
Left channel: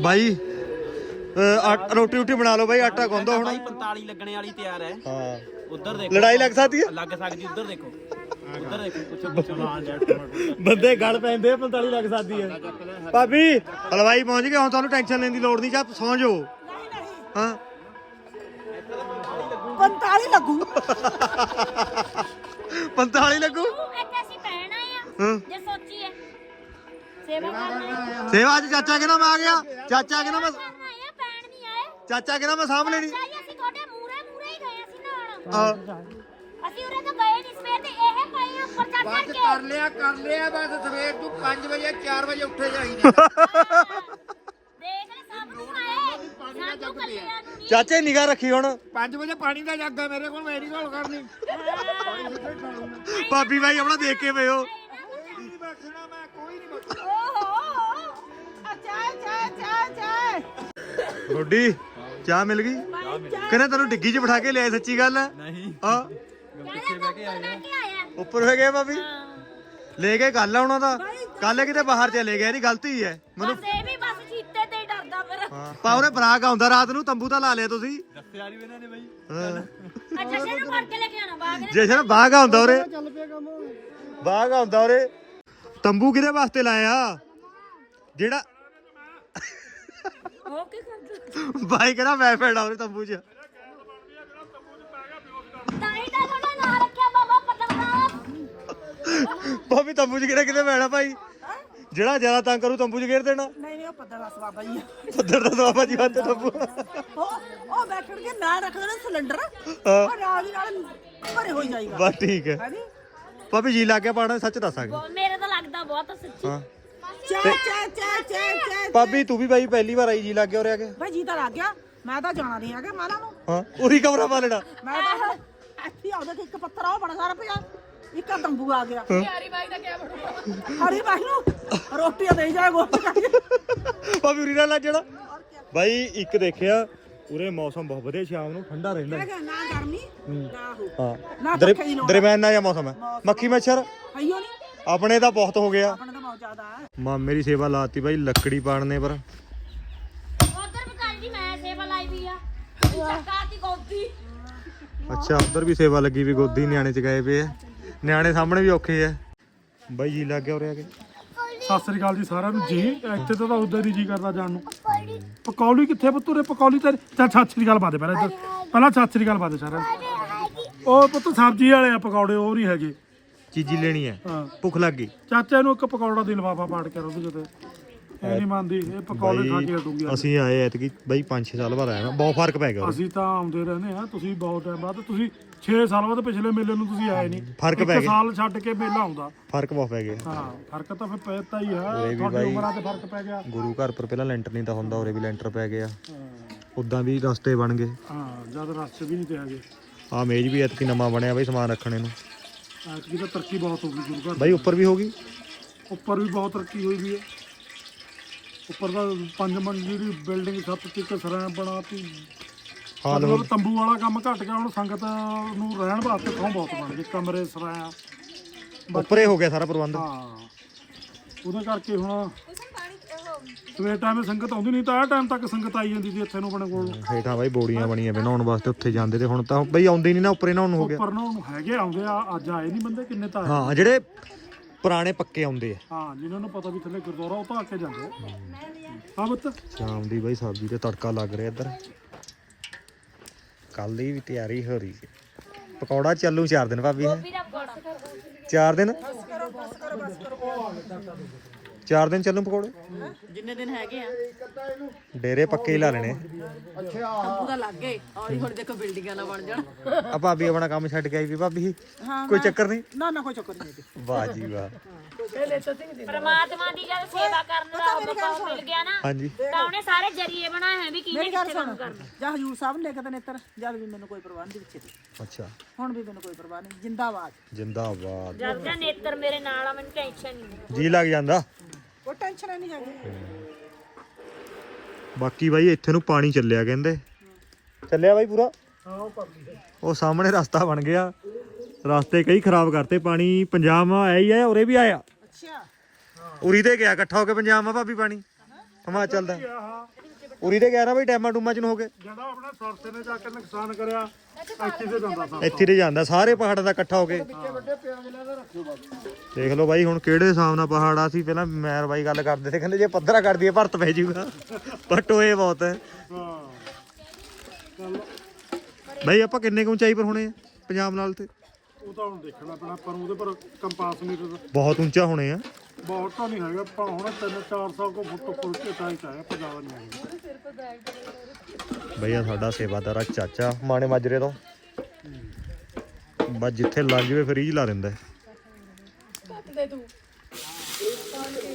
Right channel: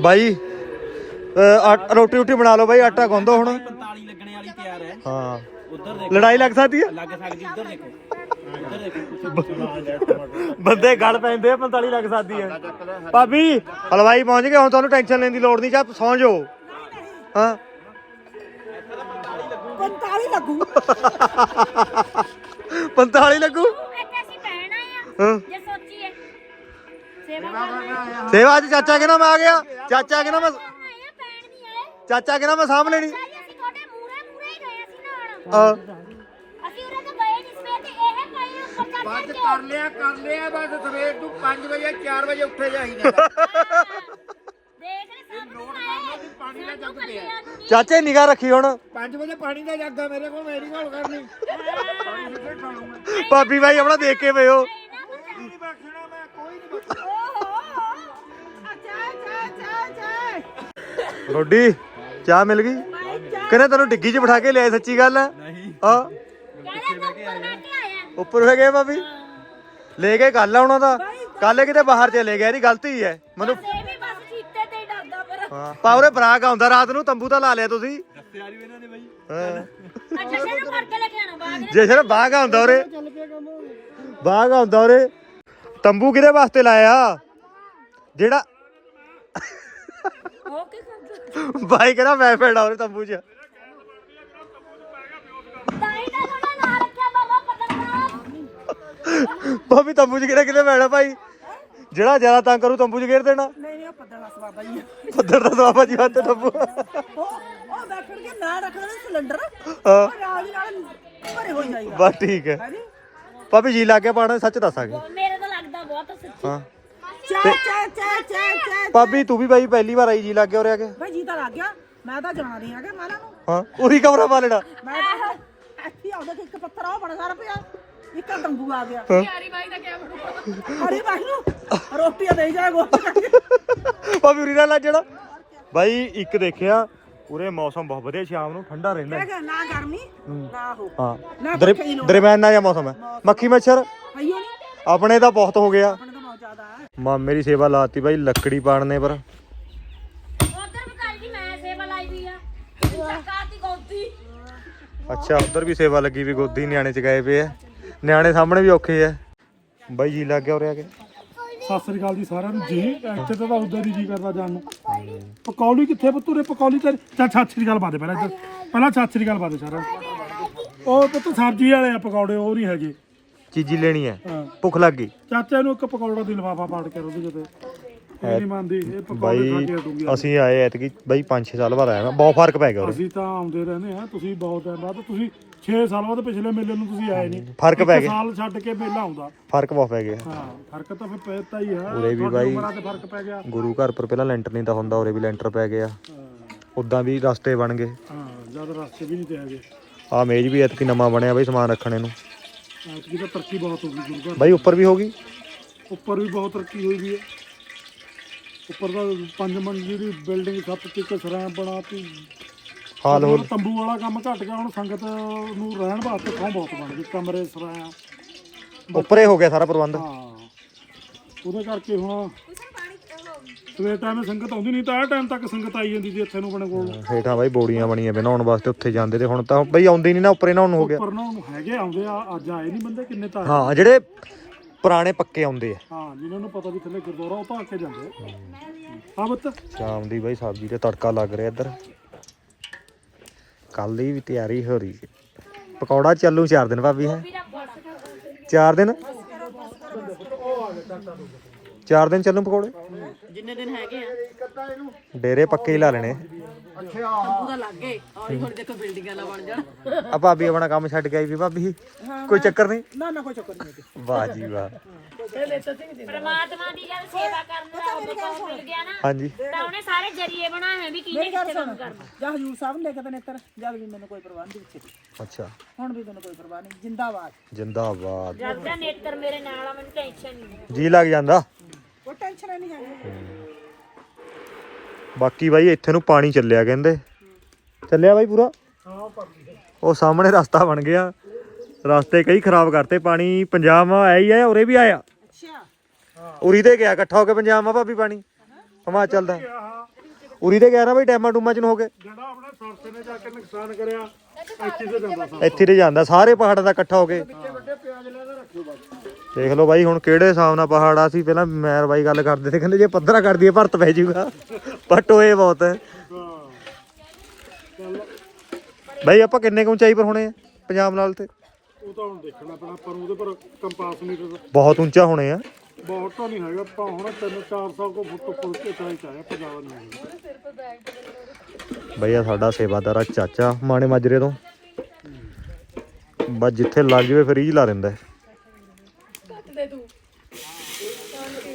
ਬਾਈ ਰੋਟੀ ਰੋਟੀ ਬਣਾ ਲਓ ਬਾਈ ਆਟਾ ਗੁੰਦੋ ਹੁਣ। 45 ਲੱਗਣੇ ਵਾਲੀ ਤਿਆਰ ਹੈ। ਹਾਂ। ਉਧਰ ਦੇਖੋ। ਲੜਾਈ ਲੱਗ ਸਕਦੀ ਹੈ? ਲੱਗ ਸਕਦੀ ਉਧਰ ਦੇਖੋ। ਉਧਰ ਦੇਖੋ ਪਿੱਛੇ ਪਿੱਛੇ ਨਾ ਬੰਦੇ ਗਲ ਪੈਂਦੇ ਆ 45 ਲੱਗ ਸਕਦੀ ਹੈ। ਭਾਬੀ ਹਲਵਾਈ ਪਹੁੰਚ ਗਏ ਹੁਣ ਤੁਹਾਨੂੰ ਟੈਨਸ਼ਨ ਲੈਣ ਦੀ ਲੋੜ ਨਹੀਂ ਚਾ ਸੌਂ ਜਾਓ। ਹਾਂ। 45 ਲੱਗੂ। 45 ਲੱਗੂ? ਇੱਥੇ ਅਸੀਂ ਆ ਹਾਂ। ਜੇ ਸੋਚੀਏ। ਸੇਵਾ ਕਰਨਾ ਆ। ਸੇਵਾ ਚ ਚਾਚਾ ਕਹਿੰਦਾ ਮੈਂ ਆ ਗਿਆ? ਚਾਚਾ ਕਹਿੰਦਾ ਮੈਂ ਕਰਨਾ ਆ ਪੈਣ ਨਹੀਂ ਆਏ ਚਾਚਾ ਕਹਿੰਦਾ ਮੈਂ ਸਾਂਭ ਲੈਣੀ ਚਾਹੀ ਅਸੀਂ ਤੁਹਾਡੇ ਮੂਰੇ ਮੂਰੇ ਹੀ ਗਏ ਅਸੀਂ ਨਾਲ। ਹਾਂ। ਅਸੀਂ ਉਰੇ ਤੋਂ ਗਏ ਨਹੀਂ ਸਵੇਰ ਦੇ ਇਹ ਭਾਈ ਉੱਪਰ ਚੜ ਚੜ ਕੇ। ਕਰ ਲਿਆ ਕਰ ਲਿਆ ਬਸ ਸਵੇਰ ਤੋਂ 5 ਵਜੇ 4 ਵਜੇ ਉੱਠੇ ਜਾਈਦਾ ਦੇਖ ਲੈ ਸਭ ਨੂੰ ਆਏ। ਸਾਜੂ ਕੱਲਿਆਂ ਨੂੰ ਨਹੀਂ। ਚਾਚੇ ਨਿਗਾਹ ਰੱਖੀ ਹੁਣ। 5 ਵਜੇ ਪਾਣੀ ਦਾ ਜੱਗ ਆ ਮੇਰੇ ਕੋਲ ਮੇਰੀ ਕੋਲ ਕਰਨੀ। ਭਾਬੀ ਭਾਈ ਆਪਣਾ ਦੇਖ ਕੇ ਓਹੋ ਅੱਛਾ ਅੱਛਾ ਰੋਡੀ। ਚਾਹ ਮਿਲ ਗਈ? ਕਹਿੰਦਾ ਤੈਨੂੰ ਡਿੱਗੀ 'ਚ ਬਿਠਾ ਕੇ ਲਿਆਏ ਸੱਚੀ ਗੱਲ? ਹੈ ਨਹੀਂ। ਹਾਂ ਕਹਿੰਦਾ ਤੂੰ ਉੱਪਰ ਬੈਠ ਕੇ ਆਇਆ। ਉੱਪਰ ਹੋ ਗਏ ਭਾਬੀ? ਲੈ ਕੇ ਗੱਲ ਆ ਉਹਨਾਂ ਦਾ। ਕੱਲ ਕਿਤੇ ਬਾਹਰ ਚਲੇ ਗਿਆ ਇਹਦੀ ਗਲਤੀ ਹੈ ਮੈਨੂੰ ਬਸ ਇਹ ਵੀ ਬਸ ਚੀਤੇ ਤੇ ਹੀ ਡਰਦਾ ਫਿਰ। ਹਾਂ ਪਾਉਰੇ ਬਰਾਕ ਆਉਂਦਾ ਰਾਤ ਨੂੰ ਤੰਬੂ ਤਾਂ ਲਾ ਲਿਆ ਤੁਸੀਂ। ਦੱਸਿਆ ਨਹੀਂ ਇਹਨਾਂ ਨੇ ਬਾਈ। ਅੱਛਾ ਸ਼ੇਰ ਫੜ ਕੇ ਲੈ ਕੇ ਆਣਾ ਬਾਗ ਨੇ ਜੇ ਸਰ ਬਾਗ ਆਉਂਦਾ ਉਰੇ। ਬਾਗ ਆਉਂਦਾ ਉਰੇ। ਤੰਬੂ ਕਿਹਦੇ ਵਾਸਤੇ ਲਾਇਆ? ਜਿਹੜਾ ਹੋ ਕੇ ਕਰਦਾ ਬਾਈ ਕਹਿੰਦਾ ਮੈਂ ਫੇੜਾ ਉਰੇ ਤੰਬੂ 'ਚ। ਤਾਂ ਹੀ ਤਾਂ ਉਹਨੇ ਨਾਂ ਰੱਖਿਆ ਬਾਬਾ ਪਤਰਨਾਥ ਭਾਬੀ ਤੰਬੂ 'ਚ ਕਿਹੜਾ ਕਿਤੇ ਪੈਣਾ ਭਾਈ? ਜਿਹੜਾ ਜ਼ਿਆਦਾ ਤੰਗ ਕਰੂ ਤੰਬੂ 'ਚ ਘੇਰ ਦੇਣਾ। ਨਹੀਂ ਨਹੀਂ ਉਹ ਪੱਦਾ ਦਾ ਸਵਾਬਾ ਹੀ ਆ ਪੱਧਰ ਦਾ ਸਵਾਬਾ ਜੀ ਵਾਸਤੇ ਤੰਬੂ। ਉਹ ਉਹ ਬੈਠਣ ਕੇ ਨਾਲ ਰੱਖ ਦੇਣਾ ਸਿਲੰਡਰ। ਹਾਂ। ਉਹ ਨਾਲ ਹੀ ਨਾਲ ਭਰੇ ਹੋਈ ਜਾਏਗਾ ਬਸ ਠੀਕ ਹੈ। ਹਾਂਜੀ। ਭਾਬੀ ਜੀ ਲਾ ਕੇ ਪਾਣਾ ਸੱਚ ਦੱਸਾਂਗੇ। ਉਹ ਮੇਰੇ ਤਾਂ ਲੱਗਦਾ ਬਹੁਤ ਸੱਚੀ। ਹਾਂ। ਚਾ ਚਾ ਚਾ ਚਾ ਚਾ ਭਾਬੀ ਤੂੰ ਵੀ ਬਾਈ ਪਹਿਲੀ ਵਾਰ ਆਈ ਜੀ ਲਾ ਕੇ ਉਰੇ ਆ ਕੇ। ਬਈ ਜੀ ਤਾਂ ਲੱਗ ਗਿਆ। ਮੈਂ ਤਾਂ ਜਾਣਾ ਨਹੀਂ ਹੈਗਾ ਮਾਲਾ ਨੂੰ। ਹਾਂ ਉਹੀ ਕਮਰਾ ਪਾ ਲੈਣਾ ਮੈਂ ਤਾਂ ਹੁਣ ਇੱਥੇ ਆਉਂਦਾ ਕਿ ਇੱਕ ਪੱਥਰ ਆ ਉਹ ਬੜਾ ਸਾਰਾ ਪਿਆ। ਇੱਕ ਆ ਤੰਬੂ ਆ ਗਿਆ। ਹਰੀ ਬਾਈ ਦਾ ਕਿਆ ਬਣੂਗਾ? ਹਰੀ ਬਾਈ ਨੂੰ ਰੋਟੀਆਂ ਦੇ ਜਾ ਗੋ ਭਾਬੀ ਉਰੀ ਨਾਲ ਲੱਗ ਜਾਣਾ। ਬਾਈ ਇੱਕ ਦੇਖਿਆ ਉਰੇ ਮੌਸਮ ਬਹੁਤ ਵਧੀਆ ਸ਼ਾਮ ਨੂੰ ਠੰਡਾ ਰਹਿੰਦਾ। ਨਾ ਗਰਮੀ ਨਾ ਹੋ ਹਾਂ। ਨਾ ਦਰਮਿਆਨਾ ਜਿਹਾ ਮੌਸਮ ਹੈ। ਮੱਖੀ ਮੱਛਰ? ਆਈਓ ਨਹੀਂ। ਆਪਣੇ ਤਾਂ ਬਹੁਤ ਹੋ ਗਿਆ ਬਹੁਤ ਜ਼ਿਆਦਾ? ਹੈ ਮਾਮੇ ਦੀ ਸੇਵਾ ਲਾਤੀ ਬਾਈ ਲੱਕੜੀ ਪਾੜਨੇ ਪਰ। ਉਧਰ ਵੀ ਕਰ ਜੀ ਮੈਂ ਸੇਵਾ ਲਾਈ ਵੀ ਆ। ਸਰਕਾਰ ਦੀ ਗੋਦੀ। ਅੱਛਾ ਉਧਰ ਵੀ ਸੇਵਾ ਲੱਗੀ ਵੀ ਗੋਦੀ ਨਿਆਣੇ ਚ ਗਏ ਪਏ ਆ। ਨਿਆਣੇ ਸਾਹਮਣੇ ਵੀ ਔਖੇ ਆ। ਬਾਈ ਜੀ ਲੱਗ ਗਿਆ ਉਰੇ ਆ ਕੇ। ਸਤਿ ਸ੍ਰੀ ਅਕਾਲ ਜੀ ਸਾਰਿਆਂ ਨੂੰ। ਜੀ ਇੱਥੇ ਤਾਂ ਤਾਂ ਉਧਰ ਹੀ ਜੀ ਕਰਦਾ ਜਾਣ ਨੂੰ। ਪਕੌੜੀ। ਕਿੱਥੇ ਪੁੱਤੂਰੇ ਪਕੌੜੀ ਤੇ ਚੱਲ ਸਤਿ ਸ੍ਰੀ ਅਕਾਲ ਬਾਦੇ ਪਹਿਲਾਂ ਇੱਧਰ। ਪਹਿਲਾਂ ਸਤਿ ਸ੍ਰੀ ਅਕਾਲ ਬਾਦੇ ਸਾਰਿਆਂ ਨੂੰ। ਉਹ ਪੁੱਤ ਸਬਜ਼ੀ ਵਾਲੇ ਆ ਪਕੌੜੇ ਉਹ ਨਹੀਂ ਹੈਗੇ। ਚੀਜ਼ੀ ਲੈਣੀ ਹੈ। ਹਾਂ। ਭੁੱਖ ਲੱਗ ਗਈ। ਚਾਚਾ ਨੂੰ ਇੱਕ ਪਕੌੜਾ ਦੀ ਲਫਾਫਾ ਪਾੜ ਕੇ ਉਹਦੇ ਕਿਤੇ ਇਹ ਨਹੀਂ ਮੰਨਦੀ ਇਹ ਪਕੌੜੇ ਖਾ ਕੇ ਹਟੂਗੀ ਬਾਈ ਅਸੀਂ ਆਏ ਐਤਕੀ ਬਾਈ 5-6 ਸਾਲ ਬਾਅਦ ਆਏ ਮੈਂ ਬਹੁਤ ਫ਼ਰਕ ਪੈ ਗਿਆ ਉਰੇ। ਅਸੀਂ ਤਾਂ ਆਉਂਦੇ ਰਹਿੰਦੇ ਆ ਤੁਸੀਂ ਬਹੁਤ ਟਾਈਮ ਬਾਅਦ। ਤੁਸੀਂ 6 ਸਾਲ ਬਾਅਦ ਪਿਛਲੇ ਮੇਲੇ ਨੂੰ ਤੁਸੀਂ ਆਏ ਨਹੀਂ। ਫ਼ਰਕ ਇੱਕ ਪੈ ਗਿਆ। ਸਾਲ ਛੱਡ ਕੇ ਮੇਲਾ ਆਉਂਦਾ। ਫ਼ਰਕ ਬਹੁਤ ਪੈ ਗਿਆ। ਹਾਂ ਫ਼ਰਕ ਤਾਂ ਫਿਰ ਪੈਤਾ ਹੀ ਆ। ਉਰੇ ਵੀ ਤੁਹਾਡੀ ਬਾਈ- ਉਮਰਾਂ 'ਚ ਫ਼ਰਕ ਪੈ ਗਿਆ। ਗੁਰੂ ਘਰ ਪਰ ਪਹਿਲਾਂ ਲੈਂਟਰ ਨਹੀਂ ਤਾਂ ਹੁੰਦਾ ਉਰੇ ਵੀ ਲੈਂਟਰ ਪੈ ਗਿਆ। ਉਦਾਂ ਵੀ ਰਸਤੇ ਬਣ ਗਏ। ਹਾਂ ਜਦ ਰਸਤੇ ਵੀ ਨਹੀਂ ਤੇ ਹੈਗੇ। ਆ ਮੇਜ਼ ਵੀ ਐਤਕੀ ਨਵਾਂ ਬਣਿਆ ਬਾਈ ਸਮਾਨ ਰੱਖਣੇ ਨੂੰ ਐਤਕੀ ਤਾਂ ਤਰੱਕੀ ਬਹੁਤ ਹੋ ਗਈ ਗੁਰੂ ਘਰ ਬਾਈ ਉੱਪਰ ਵੀ ਹੋ ਗਈ? ਉੱਪਰ ਵੀ ਬਹੁਤ ਤਰੱਕੀ ਹੋਈ ਵੀ ਹੈ। ਉੱਪਰ ਦਾ ਪੰਜ ਮੰਜ਼ਲੀ ਦੀ ਬਿਲਡਿੰਗ ਸੱਤ ਤੀਕ ਸਰਾਂ ਬਣਾਤੀ। ਹਾਲ ਹੋ ਮਤਲਬ ਤੰਬੂ ਵਾਲਾ ਕੰਮ ਘਟ ਗਿਆ ਹੁਣ ਸੰਗਤ ਨੂੰ ਰਹਿਣ ਵਾਸਤੇ ਥਾਂ ਬਹੁਤ ਬਣ ਗਈ ਕਮਰੇ ਸਰਾਂ। ਉੱਪਰੇ ਹੋ ਗਿਆ ਸਾਰਾ ਪ੍ਰਬੰਧ। ਹਾਂ। ਉਹਦੇ ਕਰਕੇ ਹੁਣ ਸਵੇਰ ਟਾਈਮ ਸੰਗਤ ਆਉਂਦੀ ਨਹੀਂ ਤਾਂ ਆਹ ਟਾਈਮ ਤੱਕ ਸੰਗਤ ਆਈ ਜਾਂਦੀ ਸੀ ਇੱਥੇ ਨੂੰ ਆਪਣੇ ਕੋਲ। ਹੇਠਾਂ ਬਾਈ ਬੋੜੀਆਂ ਬਣੀਆਂ ਵੇ ਨਹਾਉਣ ਵਾਸਤੇ ਉੱਥੇ ਜਾਂਦੇ ਤੇ ਹੁਣ ਤਾਂ ਬਈ ਆਉਂਦੇ ਨਹੀਂ ਨਾ ਉੱਪਰੇ ਨਹਾਉਣ ਨੂੰ ਹੋ ਗਿਆ। ਉੱਪਰ ਨਾ ਹੁਣ ਹੈਗੇ ਆਉਂਦੇ ਆ ਅੱਜ ਆਏ ਨਹੀਂ ਬੰਦੇ ਕਿੰਨੇ ਤਾਂ ਆਏ। ਹਾਂ ਜਿਹੜੇ ਪੁਰਾਣੇ ਪੱਕੇ ਆਉਂਦੇ ਆ। ਹਾਂ ਜਿਨ੍ਹਾਂ ਨੂੰ ਪਤਾ ਵੀ ਥੱਲੇ ਗੁਰਦੁਆਰਾ ਉਹ ਤਾਂ ਆ ਕੇ ਜਾਂਦੇ ਆ। ਹਾਂ ਬੱਤ ਸ਼ਾਮ ਦੀ ਬਾਈ ਸਬਜ਼ੀ ਤੇ ਤੜਕਾ ਲੱਗ ਰਿਹਾ ਇੱਧਰ। ਕੱਲ ਦੀ ਵੀ ਤਿਆਰੀ ਹੋ ਰਹੀ ਹੈ ਪਕੌੜਾ ਚੱਲੂ 4 ਦਿਨ ਭਾਬੀ। ਹੈ ਵੀਰਾ ਬੜਾ 4 ਦਿਨ? 4 ਦਿਨ ਚੱਲੂ ਪਕੌੜੇ? ਜਿੰਨੇ ਦਿਨ ਹੈਗੇ ਆ। ਡੇਰੇ ਪੱਕੇ ਹੀ ਲਾ ਲੈਣੇ। ਤੰਬੂ ਦਾ ਲੱਗ ਗਏ। ਹੌਲੀ ਹੌਲੀ ਦੇਖੋ ਬਿਲਡਿੰਗਾਂ ਨਾ ਬਣ ਜਾਣ। ਆ ਭਾਬੀ ਆਪਣਾ ਕੰਮ ਛੱਡ ਕੇ ਆਈ ਵੀ ਭਾਬੀ। ਕੋਈ ਚੱਕਰ ਨਹੀਂ? ਨਾ ਨਾ ਕੋਈ ਚੱਕਰ ਨਹੀਂ ਵਾਹ ਜੀ ਵਾਹ। ਪ੍ਰਮਾਤਮਾ ਦੀ ਜਦ ਸੇਵਾ ਕਰਨ ਦਾ ਮੌਕਾ ਮਿਲ ਗਿਆ ਨਾ ਹਾਂਜੀ। ਤਾਂ ਉਹਨੇ ਸਾਰੇ ਜਰੀਏ ਬਣਾਏ ਹੋਏ ਵੀ ਕਿਹਨੇ ਮੇਰੀ ਗੱਲ ਕਿੱਥੇ ਕੰਮ ਸੁਣ। ਕਰਨਾ। ਜਾਂ ਹਜੂਰ ਸਾਹਿਬ ਨੂੰ ਲੈ ਕੇ ਤੇ ਨੇਤਰ ਜਦ ਵੀ ਮੈਨੂੰ ਕੋਈ ਪਰਵਾਹ ਨਹੀਂ ਪਿੱਛੇ ਦੀ ਅੱਛਾ। ਹੁਣ ਵੀ ਮੈਨੂੰ ਕੋਈ ਪਰਵਾਹ ਨਹੀਂ। ਜਿੰਦਾਬਾਦ। ਜਿੰਦਾਬਾਦ। ਜਦ ਦਾ ਨੇਤਰ ਮੇਰੇ ਨਾਲ ਆ ਮੈਨੂੰ ਟੈਨਸ਼ਨ ਨਹੀਂ। ਜੀ ਲੱਗ ਜਾਂਦਾ। ਉਹ ਟੈਨਸ਼ਨ ਹੀ ਨਹੀਂ ਹੈਗੀ। ਬਾਕੀ ਬਾਈ ਇੱਥੇ ਨੂੰ ਪਾਣੀ ਚੱਲਿਆ ਕਹਿੰਦੇ। ਚੱਲਿਆ ਬਾਈ ਪੂਰਾ? ਉਹ ਸਾਹਮਣੇ ਰਸਤਾ ਬਣ ਗਿਆ। ਰਸਤੇ ਕਈ ਖਰਾਬ ਕਰਤੇ ਪਾਣੀ ਪੰਜਾਬ ਆਇਆ ਹੀ ਹੈ ਉਰੇ ਵੀ ਆਇਆ? ਅੱਛਾ। ਉਰੀ ਤੇ ਗਿਆ ਇਕੱਠਾ ਹੋ ਕੇ ਪੰਜਾਬ ਮਾ ਭਾਬੀ ਪਾਣੀ। ਹਿਮਾਚਲ ਦਾ। ਉਰੀ ਤੇ ਗਿਆ ਨਾ ਬਾਈ ਡੈਮਾਂ ਡੂਮਾਂ ਚ ਨੂੰ ਹੋ ਕੇ ਜਿਹੜਾ ਆਪਣੇ ਸਰਸੇ ਨੇ ਜਾ ਕੇ ਨੁਕਸਾਨ ਕਰਿਆ ਇੱਥੇ ਤੇ ਜਾਂਦਾ ਸਾ ਇੱਥੇ ਤੇ ਜਾਂਦਾ ਸਾਰੇ ਪਹਾੜਾਂ ਦਾ ਇਕੱਠਾ ਹੋ ਕੇ। ਦੇਖ ਲਓ ਬਾਈ ਹੁਣ ਕਿਹੜੇ ਹਿਸਾਬ ਨਾਲ ਪਹਾੜ ਆ ਸੀ ਪਹਿਲਾਂ ਮੈਰ ਬਾਈ ਗੱਲ ਕਰਦੇ ਸੀ ਕਹਿੰਦੇ ਜੇ ਪੱਧਰਾ ਕਰ ਦਈਏ ਭਰਤ ਪੈ ਜਾਊਗਾ ਪਰ ਟੋਏ ਬਹੁਤ ਹੈ ਬਾਈ ਆਪਾਂ ਕਿੰਨੇ ਕੁ ਉਚਾਈ ਪਰ ਹੋਣੇ ਆ ਪੰਜਾਬ ਨਾਲ ਤੇ? ਉਹ ਤਾਂ ਹੁਣ ਦੇਖਣਾ ਪੈਣਾ ਪਰ ਉਹਦੇ ਪਰ ਕੰਪਾਸ ਮੀਟਰ ਬਹੁਤ ਉੱਚਾ ਹੋਣੇ ਆ। ਬਹੁਤ ਤਾਂ ਨਹੀਂ ਹੈਗਾ ਆਪਾਂ ਹੁਣ 3-400 ਕੋ ਫੁੱਟ ਉੱਪਰ ਤੇ ਚਾਹੀਦਾ ਹੈ ਆਪਾਂ ਜ਼ਿਆਦਾ ਨਹੀਂ ਹੈਗਾ। ਬਈਆ ਸਾਡਾ ਸੇਵਾਦਾਰ ਆ ਚਾਚਾ ਮਾਣੇ ਮਾਜਰੇ ਤੋਂ। ਬਸ ਜਿੱਥੇ ਲੱਗ ਜਵੇ ਫਿਰ ਹੀ ਲਾ ਦਿੰਦਾ ਹੈ।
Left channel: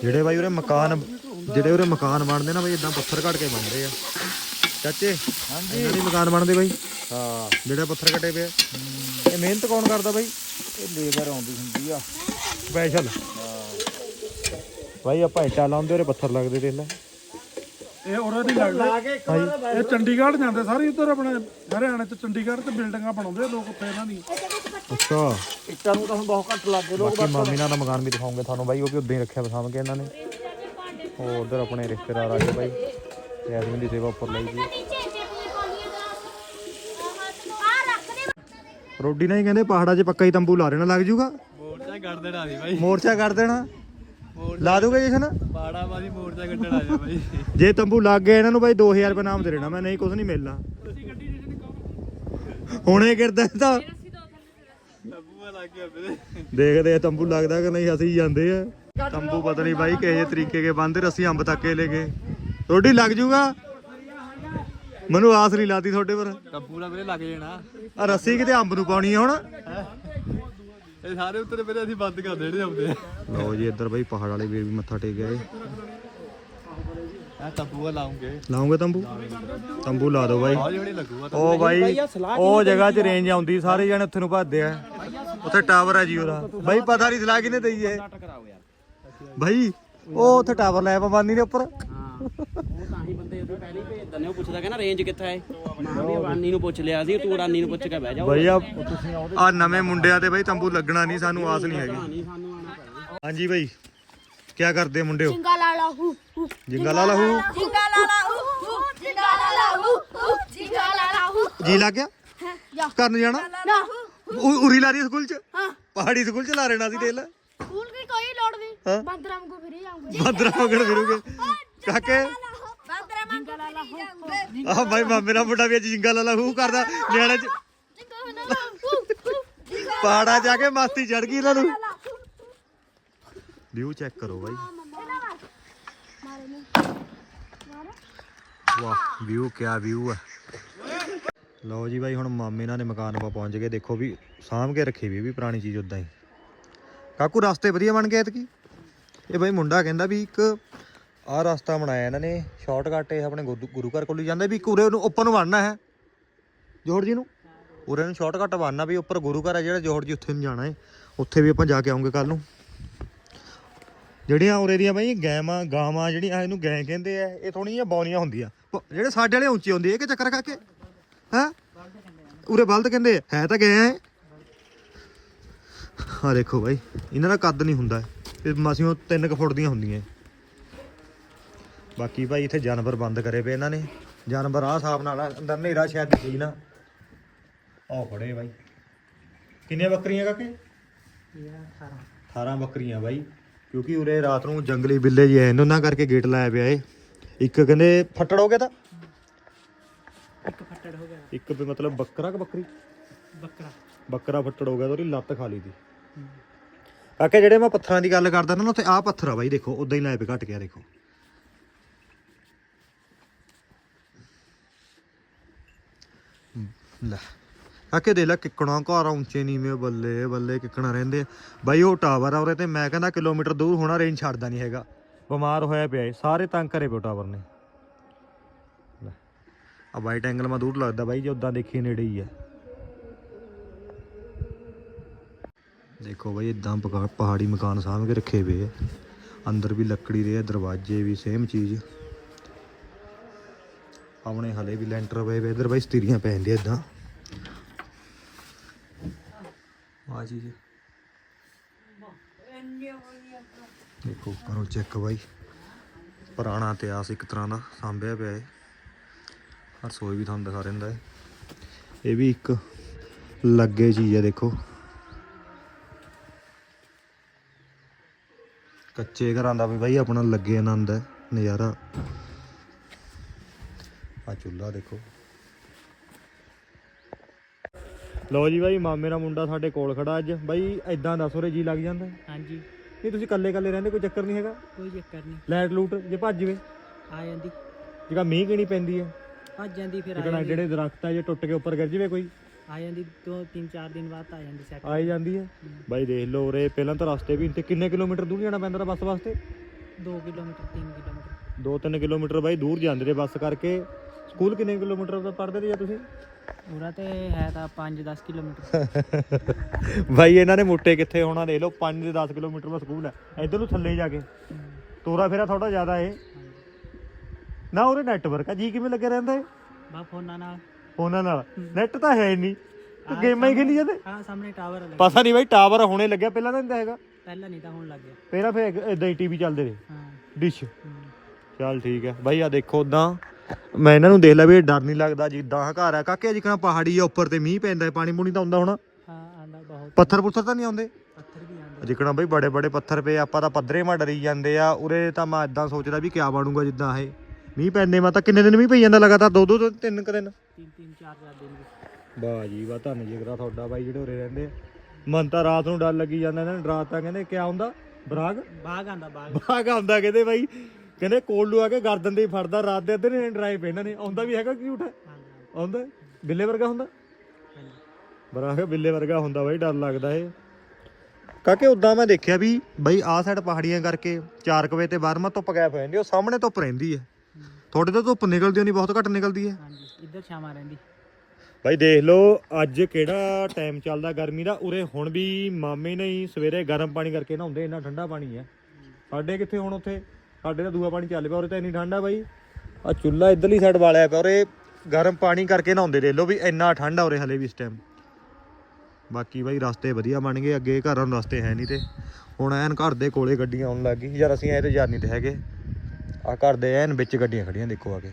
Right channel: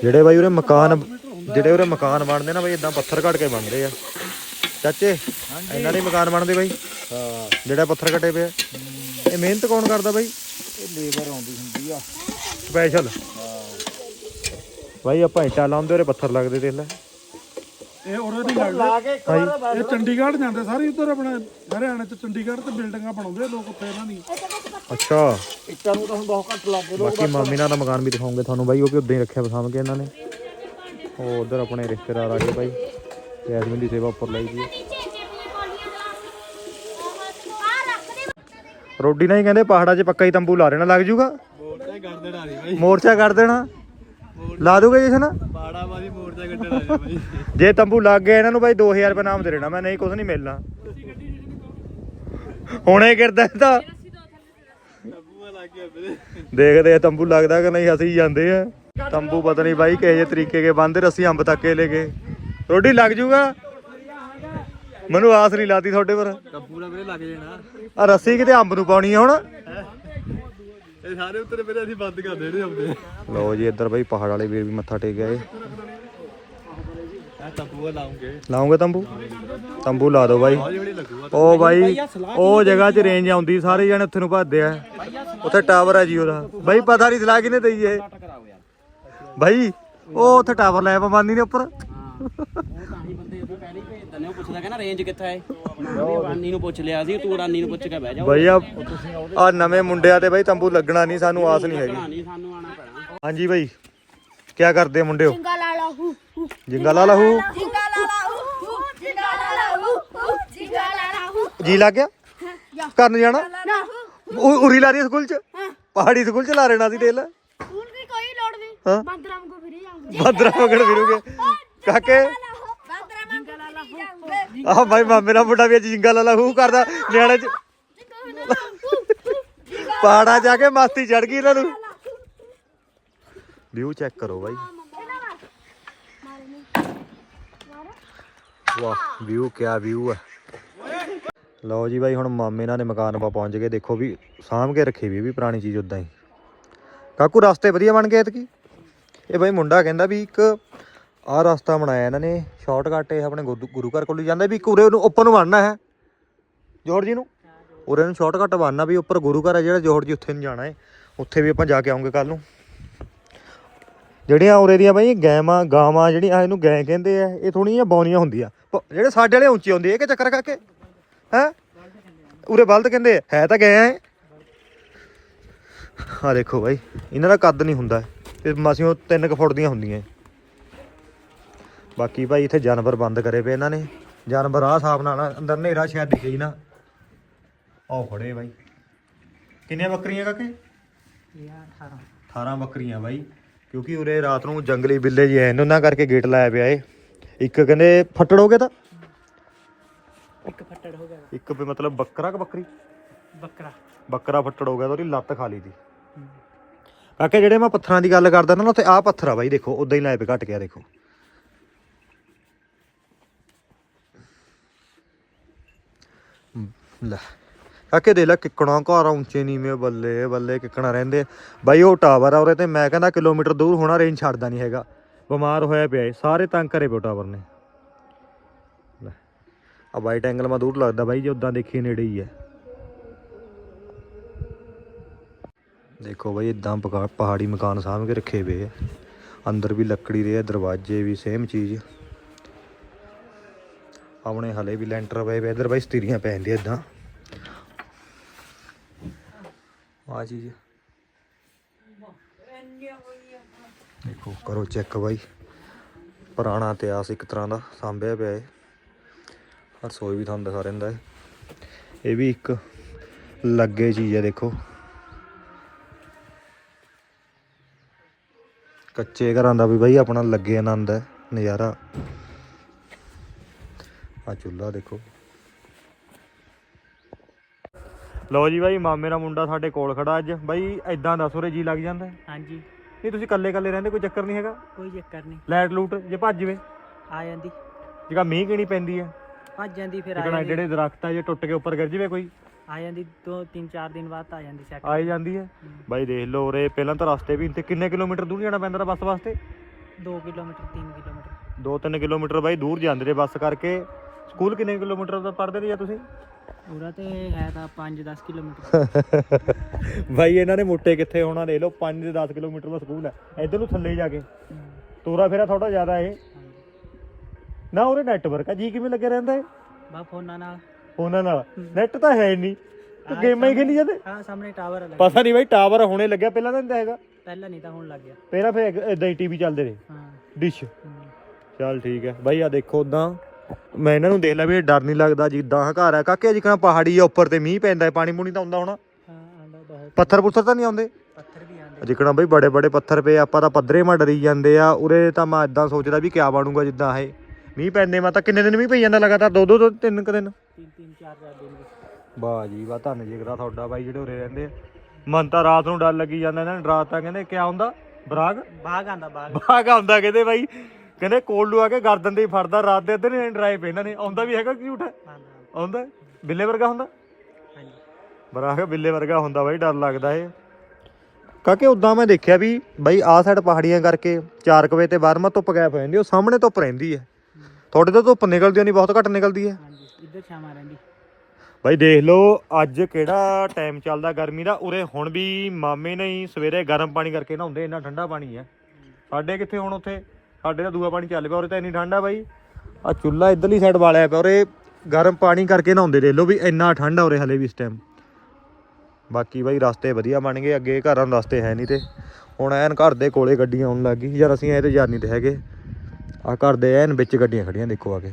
ਜਿਹੜੇ ਬਾਈ ਉਰੇ ਮਕਾਨ ਜਿਹੜੇ ਉਰੇ ਮਕਾਨ ਬਣਦੇ ਨਾ ਬਾਈ ਇਦਾਂ ਪੱਥਰ ਘੜ ਕੇ ਬਣਦੇ ਆ। ਚਾਚੇ ਇਹਨਾਂ ਦੇ ਮਕਾਨ ਬਣਦੇ ਬਾਈ? ਹਾਂ। ਜਿਹੜਾ ਪੱਥਰ ਘਟੇ ਪਿਆ ਇਹ ਮਿਹਨਤ ਕੌਣ ਕਰਦਾ ਬਾਈ? ਇਹ ਲੇਬਰ ਆਉਂਦੀ ਹੁੰਦੀ ਆ। ਸਪੈਸ਼ਲ ਬਾਈ ਆਪਾਂ ਇੱਟਾਂ ਲਾਉਂਦੇ ਉਰੇ ਪੱਥਰ ਲੱਗਦੇ ਦੇਖ ਲੈ। ਇਹ ਉਹਨਾਂ ਦੀ ਲੱਗਦੇ ਇਹ ਚੰਡੀਗੜ੍ਹ ਜਾਂਦੇ ਸਾਰੇ ਉੱਧਰ ਆਪਣੇ ਹਰਿਆਣੇ ਤੇ ਚੰਡੀਗੜ੍ਹ ਤੇ ਬਿਲਡਿੰਗਾਂ ਬਣਾਉਂਦੇ ਆ ਲੋਕ ਉੱਥੇ ਇਹਨਾਂ ਦੀ। ਅੱਛਾ। ਇੱਟਾਂ ਨੂੰ ਤਾਂ ਹੁਣ ਬਹੁਤ ਘੱਟ ਲੱਗ ਗਏ ਬਾਕੀ ਮਾਮੀ ਨਾਲ ਦਾ ਮਕਾਨ ਵੀ ਦਿਖਾਉਂਗੇ ਤੁਹਾਨੂੰ ਬਾਈ ਉਹ ਵੀ ਉਦਾਂ ਹੀ ਰੱਖਿਆ ਵਸਾਮ ਕੇ ਇਹਨਾਂ ਨੇ। ਉਹ ਉਧਰ ਆਪਣੇ ਰਿਸ਼ਤੇਦਾਰ ਆ ਗਏ ਬਾਈ ਤੇ ਐਡਮਿਨ ਦੀ ਸੇਵਾ ਉੱਪਰ ਲਈ ਜੀ ਰੋਡੀ ਨਾਲ ਹੀ ਕਹਿੰਦੇ ਪਹਾੜਾਂ 'ਚ ਪੱਕਾ ਹੀ ਤੰਬੂ ਲਾ ਦੇਣਾ ਲੱਗ ਜੂਗਾ? ਮੋਰਚਾ ਕੱਢ ਦੇਣਾ ਸੀ ਬਾਈ। ਮੋਰਚਾ ਕਰ ਦੇਣਾ? ਲਾ ਦੋਗੇ ਜਸ਼ਨ ਬਾੜਾ ਮਾਦੀ ਮੋਰਚਾ ਕੱਢਣਾ ਸੀ ਬਾਈ। ਜੇ ਤੰਬੂ ਲੱਗ ਗਿਆ ਇਹਨਾਂ ਨੂੰ ਬਾਈ 2000 ਰੁਪਏ ਨਾਮ ਦੇ ਦੇਣਾ ਮੈਂ ਨਹੀਂ ਕੁਝ ਨਹੀਂ ਮਿਲਣਾ। ਹੁਣੇ ਗਿਰਦਾ ਤਾਂ। ਦੇਖਦੇ ਆ ਤੰਬੂ ਲੱਗਦਾ ਕਿ ਨਹੀਂ ਅਸੀਂ ਜਾਂਦੇ ਆ। ਤੰਬੂ ਪਤਾ ਨਹੀਂ ਬਾਈ ਕਿਹੇ ਤਰੀਕੇ ਕੇ ਬੰਦੇ ਰੱਸੀ ਅੰਬ ਤੱਕ ਕੇ ਲੈ ਗਏ ਰੋਟੀ ਲੱਗ ਜੂਗਾ? ਮੈਨੂੰ ਆਸ ਨਹੀਂ ਲਾਤੀ ਤੁਹਾਡੇ ਪਰ। ਲੱਭੂ ਨਾਲ ਵੀਰੇ ਲੱਗ ਜਾਣਾ। ਆ ਰੱਸੀ ਕਿਤੇ ਅੰਬ ਨੂੰ ਪਾਉਣੀ ਆ ਹੁਣ? ਇਹ ਸਾਰੇ ਉੱਤਰ ਵੀਰੇ ਅਸੀਂ ਬੰਦ ਕਰ ਦੇਣੇ ਹੁੰਦੇ ਲਓ ਜੀ ਇੱਧਰ ਬਾਈ ਪਹਾੜ ਵਾਲੇ ਵੀਰ ਵੀ ਮੱਥਾ ਟੇਕ ਗਏ ਲਾਉਂਗੇ। ਲਾਉਂਗੇ ਤੰਬੂ? ਤੰਬੂ ਲਾ ਦਿਓ ਬਾਈ। ਉਹ ਬਾਈ ਉਹ ਜਗ੍ਹਾ 'ਚ ਰੇਂਜ ਆਉਂਦੀ ਸਾਰੇ ਜਣੇ ਉੱਥੇ ਨੂੰ ਭੱਜਦੇ ਆ। ਉੱਥੇ ਟਾਵਰ ਆ ਜੀ ਉਹਦਾ। ਬਾਈ ਪਤਾ ਨਹੀਂ ਸਲਾਹ ਕਿਨੇ ਦਈ ਇਹ ਬਾਈ ਉਹ ਉੱਥੇ ਟਾਵਰ ਲੈ ਪਵਾਨੀ ਨੇ ਉੱਪਰ। ਉਹ ਤਾਂ ਹੀ ਬੰਦੇ ਪਹਿਲੇ ਹੀ ਭੇਜ ਦਿੰਦੇ ਉਹ ਪੁੱਛਦਾ ਕਹਿੰਦਾ ਰੇਂਜ ਕਿੱਥੇ ਹੈ ਮੈਂ ਵੀ ਰਾਨੀ ਨੂੰ ਪੁੱਛ ਲਿਆ ਸੀ ਤੂੰ ਰਾਨੀ ਨੂੰ ਪੁੱਛ ਕੇ ਬਹਿ ਜਾ ਬਾਈ ਆ ਆ ਨਵੇਂ ਮੁੰਡਿਆਂ ਤੇ ਬਾਈ ਤੰਬੂ ਲੱਗਣਾ ਨਹੀਂ ਸਾਨੂੰ ਆਸ ਨਹੀਂ ਹੈਗੀ। ਨਹੀਂ ਸਾਨੂੰ ਆਣਾ ਪੈਣਾ। ਹਾਂਜੀ ਬਾਈ ਕੀ ਕਰਦੇ ਆ ਮੁੰਡਿਓ? ਜਿੰਗਾ ਲਾ ਲਾ ਹੂ ਹੂ। ਜਿੰਗਾ ਲਾ ਲਹੂ ਜਿੰਗਾ ਲਾ ਲਾ ਹੂ ਹੂ। ਜਿੰਗਾ ਲਾ ਲਾ ਹੂ ਹੂ। ਜਿੰਗਾ ਲਾ ਲਾ ਹੂ। ਜੀ ਲੱਗ ਗਿਆ? ਕਰਨ ਜਾਣਾ? ਨਾ ਉ- ਉਰੀ ਲਾ ਰਹੀ ਸਕੂਲ ਚ? ਪਹਾੜੀ ਸਕੂਲ ਚ ਲਾ ਰਹਿਣਾ ਸੀ ਤੇਲ। ਸਕੂਲ ਦੀ ਕੋਈ ਲੋੜ ਨਹੀਂ। ਹਾਂ। ਬੰਦਰਾਮ ਕੋ ਫਿਰੀ ਜਾਉਂਗੇ ਬਾਦਰਾ ਮਗਰ ਫਿਰੂਗੇ। ਕਾਕੇ ਬੰਦਰਾਮ ਕੋ ਫਿਰੀ ਜਾਉਂਗੇ ਆਹ ਬਾਈ ਮਾਮੇ ਦਾ ਮੁੰਡਾ ਵੀ ਅੱਜ ਜਿੰਗਾ ਲਾ ਲਹੂ ਕਰਦਾ। ਨਿਆਣੇ ਚ ਹੂ ਹੂ ਪਹਾੜਾ ਜਾ ਕੇ ਮਸਤੀ ਚੜ ਗਈ ਇਹਨਾਂ ਨੂੰ। ਵਿਊ ਚੈੱਕ ਕਰੋ ਬਾਈ। ਵਾਹ ਵਿਊ ਕਿਆ ਵਿਊ ਹੈ ਲਓ ਜੀ ਬਾਈ ਹੁਣ ਮਾਮੇ ਨਾਲ ਨੇ ਮਕਾਨ ਪਾ ਪਹੁੰਚ ਗਏ। ਦੇਖੋ ਵੀ ਸਾਂਭ ਕੇ ਰੱਖੀ ਵੀ ਵੀ ਪੁਰਾਣੀ ਚੀਜ਼ ਉਦਾਂ ਹੀ। ਕਾਕੂ ਰਸਤੇ ਵਧੀਆ ਬਣ ਗਏ ਇਹ ਬਾਈ ਮੁੰਡਾ ਕਹਿੰਦਾ ਵੀ ਇੱਕ ਆਹ ਰਸਤਾ ਬਣਾਇਆ ਇਹਨਾਂ ਨੇ ਸ਼ਾਰਟਕਟ ਇਹ ਆਪਣੇ ਗੁਰੂ ਗੁਰੂ ਘਰ ਕੋਲ ਹੀ ਜਾਂਦਾ ਵੀ ਇੱਕ ਉਰੇ ਨੂੰ ਉੱਪਰ ਨੂੰ ਬਣਨਾ ਹੈ। ਜੋਹਰ ਜੀ ਨੂੰ? ਉਰੇ ਨੂੰ ਸ਼ਾਰਟਕਟ ਬਣਨਾ ਵੀ ਉੱਪਰ ਗੁਰੂ ਘਰ ਹੈ ਜਿਹੜਾ ਜੋਹਰ ਜੀ ਉੱਥੇ ਨੂੰ ਜਾਣਾ ਹੈ। ਉੱਥੇ ਵੀ ਆਪਾਂ ਜਾ ਕੇ ਆਉਂਗੇ ਕੱਲ ਨੂੰ। ਜਿਹੜੀਆਂ ਉਰੇ ਦੀਆਂ ਬਾਈ ਗੈਵਾਂ ਗਾਵਾਂ ਜਿਹੜੀਆਂ ਇਹਨੂੰ ਗੈ ਕਹਿੰਦੇ ਆ ਇਹ ਥੋੜੀਆਂ ਬੌਨੀਆਂ ਹੁੰਦੀਆਂ। ਪ- ਜਿਹੜੇ ਸਾਡੇ ਵਾਲੇ ਉੱਚੇ ਹੁੰਦੇ ਇਹ ਕਿ ਚੱਕਰ ਕਰਕੇ ਹੈ? ਉਰੇ ਬਲਦ ਕਹਿੰਦੇ ਆ, ਹੈ ਤਾਂ ਗਏ ਆ ਆ ਦੇਖੋ ਬਾਈ ਇਹਨਾਂ ਦਾ ਕੱਦ ਨਹੀਂ ਹੁੰਦਾ। ਇਹ ਮਸਿਓ 3 ਕੁ ਫੁੱਟ ਦੀਆਂ ਹੁੰਦੀਆਂ। ਇਹ। ਬਾਕੀ ਭਾਈ ਇੱਥੇ ਜਾਨਵਰ ਬੰਦ ਕਰੇ ਪਏ ਇਹਨਾਂ ਨੇ। ਜਾਨਵਰ ਆਹ ਹਿਸਾਬ ਨਾਲ ਅੰਦਰ ਹਨੇਰਾ ਸ਼ਾਇਦ ਦਿਖੇ ਨਾ। ਉਹ ਖੜੇ ਬਾਈ। ਕਿੰਨੀਆਂ ਬੱਕਰੀਆਂ ਕਾਕੇ? 18 ਬੱਕਰੀਆਂ ਬਾਈ। ਕਿਉਂਕਿ ਉਰੇ ਰਾਤ ਨੂੰ ਜੰਗਲੀ ਬਿੱਲੇ ਜੀ ਆਏ ਨੇ ਉਹਨਾਂ ਕਰਕੇ ਗੇਟ ਲਾਇਆ ਪਿਆ ਏ ਇੱਕ ਕਹਿੰਦੇ ਫੱਟੜ ਹੋ ਗਿਆ ਤਾਂ? ਇੱਕ ਫੱਟੜ ਹੋ ਗਿਆ ਇੱਕ ਵੀ ਮਤਲਬ ਬੱਕਰਾ ਕਿ ਬੱਕਰੀ? ਬੱਕਰਾ। ਬੱਕਰਾ ਫੱਟੜ ਹੋ ਗਿਆ ਤਾਂ ਉਹਦੀ ਲੱਤ ਖਾ ਲਈ ਦੀ ਕਾਕੇ ਜਿਹੜੇ ਮੈਂ ਪੱਥਰਾਂ ਦੀ ਗੱਲ ਕਰਦਾ ਨਾ ਉੱਥੇ ਆਹ ਪੱਥਰ ਆ ਬਾਈ ਦੇਖੋ ਉਦਾਂ ਹੀ ਲਾਏ ਪਏ ਘਟ ਗਿਆ ਦੇਖੋ। ਲੈ। ਕਾਕੇ ਦੇ ਲੈ ਕਿੱਕਣਾ ਘਰ ਉੱਚੇ ਨੀਵੇਂ ਬੱਲੇ ਬੱਲੇ ਕਿੱਕਣਾ ਰਹਿੰਦੇ ਬਾਈ ਉਹ ਟਾਵਰ ਆ ਉਰੇ ਤੇ ਮੈਂ ਕਹਿੰਦਾ ਕਿਲੋਮੀਟਰ ਦੂਰ ਹੋਣਾ ਰੇਂਜ ਛੱਡਦਾ ਨਹੀਂ ਹੈਗਾ। ਬਿਮਾਰ ਹੋਇਆ ਪਿਆ ਏ ਸਾਰੇ ਤੰਗ ਕਰੇ ਪਿਓ ਟਾਵਰ ਨੇ। ਆ ਵਾਈਟ ਐਂਗਲ ਮਾ ਦੂਰ ਲੱਗਦਾ ਬਾਈ, ਜੇ ਉਦਾਂ ਦੇਖੀਏ ਨੇੜੇ ਹੀ ਹੈ ਦੇਖੋ ਬਾਈ ਇਦਾਂ ਪਹਾੜੀ ਮਕਾਨ ਸਾਂਭ ਕੇ ਰੱਖੇ ਪਏ ਆ। ਅੰਦਰ ਵੀ ਲੱਕੜੀ ਦੇ ਆ, ਦਰਵਾਜ਼ੇ ਵੀ ਸੇਮ ਚੀਜ਼। ਆਪਣੇ ਹਲੇ ਵੀ ਲੈਂਟਰ ਪਏ ਪਏ ਇਧਰ ਬਾਈ ਸਤੀਰੀਆਂ ਪੈ ਜਾਂਦੀਆਂ ਇਦਾਂ। ਆ ਚੀਜ਼ ਦੇਖੋ, ਕਰੋ ਚੈੱਕ ਬਾਈ। ਪੁਰਾਣਾ ਇਤਿਹਾਸ ਇੱਕ ਤਰ੍ਹਾਂ ਦਾ ਸਾਂਭਿਆ ਪਿਆ ਹੈ ਰਸੋਈ ਵੀ ਤੁਹਾਨੂੰ ਦਿਖਾ ਰਹਿੰਦਾ ਹੈ ਇਹ ਵੀ ਇੱਕ ਲੱਗੇ ਚੀਜ਼ ਹੈ ਦੇਖੋ। ਕੱਚੇ ਘਰਾਂ ਦਾ ਵੀ ਬਾਈ ਆਪਣਾ ਲੱਗੇ ਆਨੰਦ ਹੈ ਨਜ਼ਾਰਾ। ਆ ਚੁੱਲ੍ਹਾ ਦੇਖੋ। ਲਓ ਜੀ ਬਾਈ ਮਾਮੇ ਦਾ ਮੁੰਡਾ ਸਾਡੇ ਕੋਲ ਖੜਾ ਅੱਜ। ਬਾਈ ਐਦਾਂ ਦੱਸ ਉਰੇ ਜੀ ਲੱਗ ਜਾਂਦਾ ਹੈ? ਹਾਂਜੀ। ਨਹੀਂ ਤੁਸੀਂ ਇਕੱਲੇ ਇਕੱਲੇ ਰਹਿੰਦੇ ਕੋਈ ਚੱਕਰ ਨਹੀਂ ਹੈਗਾ? ਕੋਈ ਚੱਕਰ ਨਹੀਂ। ਲਾਈਟ ਲੂਟ ਜੇ ਭੱਜ ਜਵੇ। ਆ ਜਾਂਦੀ। ਜਿਹੜਾ ਮੀਂਹ ਕਿਣੀ ਪੈਂਦੀ ਹੈ? ਭੱਜ ਜਾਂਦੀ ਫਿਰ ਆ ਜਾਂਦੀ। ਜਿਹੜੇ ਦਰਖਤ ਆ ਜੇ ਟੁੱਟ ਕੇ ਉੱਪਰ ਗਿਰ ਜਵੇ ਕੋਈ। ਆ ਜਾਂਦੀ ਦੋ ਤਿੰਨ ਚਾਰ ਦਿਨ ਬਾਅਦ ਆ ਜਾਂਦੀ ਸੈੱਟ ਆਈ ਜਾਂਦੀ ਹੈ। ਬਾਈ ਦੇਖ ਲਓ ਉਰੇ ਪਹਿਲਾਂ ਤਾਂ ਰਸਤੇ ਵੀ ਤੇ ਕਿੰਨੇ ਕਿਲੋਮੀਟਰ ਦੂਰ ਜਾਣਾ ਪੈਂਦਾ ਬੱਸ ਵਾਸਤੇ? 2 ਕਿਲੋਮੀਟਰ 3 ਕਿਲੋਮੀਟਰ। 2-3 ਕਿਲੋਮੀਟਰ ਬਾਈ ਦੂਰ ਜਾਂਦੇ ਨੇ ਬੱਸ ਕਰਕੇ। ਸਕੂਲ ਕਿੰਨੇ ਕਿਲੋਮੀਟਰ ਦਾ ਪੜ੍ਹਦੇ ਨੇ ਜਾਂ ਤੁਸੀਂ? ਪੂਰਾ ਤੇ ਹੈ ਤਾਂ 5-10 ਕਿਲੋਮੀਟਰ। ਬਾਈ ਇਹਨਾਂ ਨੇ ਮੋਟੇ ਕਿੱਥੇ ਹੋਣਾ ਦੇਖ ਲਓ 5 ਦੇ 10 ਕਿਲੋਮੀਟਰ ਦਾ ਸਕੂਲ ਹੈ। ਇਧਰ ਨੂੰ ਥੱਲੇ ਜਾ ਕੇ। ਤੋਰਾ ਫੇਰਾ ਥੋੜਾ ਜ਼ਿਆਦਾ ਏ ਨਾ ਉਹਦੇ ਨੈਟਵਰਕ ਆ। ਜੀ ਕਿਵੇਂ ਲੱਗਿਆ ਰਹਿੰਦਾ ਹੈ ਬਾ ਫੋਨਾਂ ਨਾਲ। ਫੋਨਾਂ ਨਾਲ। ਨੈਟ ਤਾਂ ਹੈ ਨਹੀਂ ਤੇ ਗੇਮਾਂ ਹੀ ਖੇਲੀ ਜਾਂਦੇ? ਹਾਂ ਸਾਹਮਣੇ ਟਾਵਰ ਲੱਗਾ। ਪਤਾ ਨਹੀਂ ਬਾਈ ਟਾਵਰ ਹੁਣੇ ਲੱਗਿਆ ਪਹਿਲਾਂ ਤਾਂ ਨਹੀਂ ਤਾਂ ਹੈਗਾ। ਪਹਿਲਾਂ ਨਹੀਂ ਤਾਂ ਹੁਣ ਲੱਗ ਗਿਆ। ਪਹਿਲਾਂ ਫੇਰ ਇਦਾਂ ਹੀ ਟੀਵੀ ਚੱਲਦੇ ਰਹੇ। ਹਾਂ। ਡਿਸ਼ ਚੱਲ ਠੀਕ ਹੈ। ਬਾਈ ਆ ਦੇਖੋ ਉਦਾਂ ਮੈਂ ਇਹਨਾਂ ਨੂੰ ਦੇਖ ਲਿਆ ਵੀ ਇਹ ਡਰ ਨਹੀਂ ਲੱਗਦਾ ਜਿੱਦਾਂ ਆਹ ਘਰ ਆ। ਕਾਕੇ ਜਿੱਕਾਂ ਪਹਾੜੀ ਆ ਉੱਪਰ ਤੇ ਮੀਂਹ ਪੈਂਦਾ ਹੈ ਪਾਣੀ ਪੂਣੀ ਤਾਂ ਆਉਂਦਾ ਹੋਣਾ। ਹਾਂ ਆਂਦਾ ਬਹੁਤ। ਪੱਥਰ ਪੁੱਥਰ ਤਾਂ ਨਹੀਂ ਆਉਂਦੇ? ਪੱਥਰ ਵੀ ਆਂਦੇ। ਜਿੱਕਣਾ ਬਈ ਬੜੇ ਬੜੇ ਪੱਥਰ ਪਏ ਆਪਾਂ ਤਾਂ ਪੱਧਰੇ ਮਾ ਡਰੀ ਜਾਂਦੇ ਆ ਉਰੇ ਤਾਂ ਮੈਂ ਇਦਾਂ ਸੋਚਦਾ ਵੀ ਕਿਆ ਬਣੂਗਾ ਜਿੱਦਾਂ ਇਹ। ਮੀਂਹ ਪੈਂਦੇ ਮੈਂ ਤਾਂ ਕਿੰਨੇ ਦਿਨ ਮੀਂਹ ਪਈ ਜਾਂਦਾ ਲਗਾਤਾਰ ਦੋ ਦੋ ਤਿੰਨ ਕੁ ਦਿਨ। ਤਿੰਨ ਤਿੰਨ ਚਾਰ ਚਾਰ ਦਿਨ ਵੀ। ਵਾਹ ਜੀ ਵਾਹ ਧੰਨ ਜਿਗਰਾ ਤੁਹਾਡਾ ਬਾਈ ਜਿਹੜੇ ਉਰੇ ਰਹਿੰਦੇ ਆ। ਮਨ ਤਾਂ ਰਾਤ ਨੂੰ ਡਰ ਲੱਗੀ ਜਾਂਦਾ ਇਹਨਾਂ ਨੇ ਰਾਤ ਤਾਂ ਕਹਿੰਦੇ ਕਿਆ ਹੁੰਦਾ? ਬਰਾਗ? ਬਾਗ ਆਂਦਾ ਬਾਗ। ਬਾਗ ਆਉਂਦਾ ਕਹਿੰਦੇ ਬਾਈ। ਕਹਿੰਦੇ ਕੋਲੂ ਆ ਕੇ ਗਰਦਨ ਹੀ ਫੜਦਾ ਰਾਤ ਦੇ ਅੱਧੇ ਨੇ ਡਰਾਈਵ ਇਹਨਾਂ ਨੇ। ਆਉਂਦਾ ਵੀ ਹੈਗਾ ਕਿਊਟ ਹੈ ਆਉਂਦਾ? ਬਿੱਲੇ ਵਰਗਾ ਹੁੰਦਾ? ਹਾਂਜੀ ਬਰਾਗ ਬਿੱਲੇ ਵਰਗਾ ਹੁੰਦਾ ਬਾਈ ਡਰ ਲੱਗਦਾ ਏ ਕਾਕੇ ਉਦਾਂ ਮੈਂ ਦੇਖਿਆ ਵੀ ਬਾਈ ਆਹ ਸਾਈਡ ਪਹਾੜੀਆਂ ਕਰਕੇ 4 ਵਜੇ ਤੇ ਬਾਰਮਾ ਧੁੱਪ ਗਾਇਬ ਹੋ ਜਾਂਦੀ ਉਹ ਸਾਹਮਣੇ ਧੁੱਪ ਰਹਿੰਦੀ ਹੈ। ਤੁਹਾਡੇ ਤੋਂ ਧੁੱਪ ਨਿਕਲਦੀ ਨਹੀਂ ਬਹੁਤ ਘੱਟ ਨਿਕਲਦੀ ਹੈ। ਹਾਂਜੀ ਇੱਧਰ ਛਾਵਾਂ ਰਹਿੰਦੀ। ਬਾਈ ਦੇਖ ਲਓ ਅੱਜ ਕਿਹੜਾ ਟਾਈਮ ਚੱਲਦਾ ਗਰਮੀ ਦਾ? ਉਰੇ ਹੁਣ ਵੀ ਮਾਮੇ ਨੇ ਹੀ ਸਵੇਰੇ ਗਰਮ ਪਾਣੀ ਕਰਕੇ ਨਹਾਉਂਦੇ ਇੰਨਾ ਠੰਡਾ ਪਾਣੀ ਹੈ। ਸਾਡੇ ਕਿੱਥੇ ਹੁਣ ਉੱਥੇ? ਸਾਡੇ ਤਾਂ ਦੂਆ ਪਾਣੀ ਚੱਲ ਪਿਆ, ਉਰੇ ਤਾਂ ਇੰਨੀ ਠੰਡ ਆ ਬਾਈ। ਆ ਚੁੱਲਾ ਇਧਰਲੀ ਸਾਈਡ ਵਾਲਿਆ ਪਿਆ, ਉਰੇ ਗਰਮ ਪਾਣੀ ਕਰਕੇ ਨਹਾਉਂਦੇ ਦੇ ਲਓ ਵੀ ਇੰਨਾ ਠੰਡ ਆ ਉਰੇ ਹਲੇ ਵੀ ਇਸ ਟਾਈਮ ਬਾਕੀ ਬਾਈ ਰਸਤੇ ਵਧੀਆ ਬਣ ਗਏ, ਅੱਗੇ ਘਰਾਂ ਨੂੰ ਰਸਤੇ ਹੈ ਨਹੀਂ ਤੇ। ਹੁਣ ਐਨ ਘਰ ਦੇ ਕੋਲੇ ਗੱਡੀਆਂ ਆਉਣ ਲੱਗ ਗਈ, ਯਾਰ ਅਸੀਂ ਐ ਤੇ ਨਹੀਂ ਤੇ ਹੈਗੇ। ਆ ਘਰ ਦੇ ਐਨ ਵਿੱਚ ਗੱਡੀਆਂ ਖੜੀਆਂ ਦੇਖੋ ਆ ਕੇ।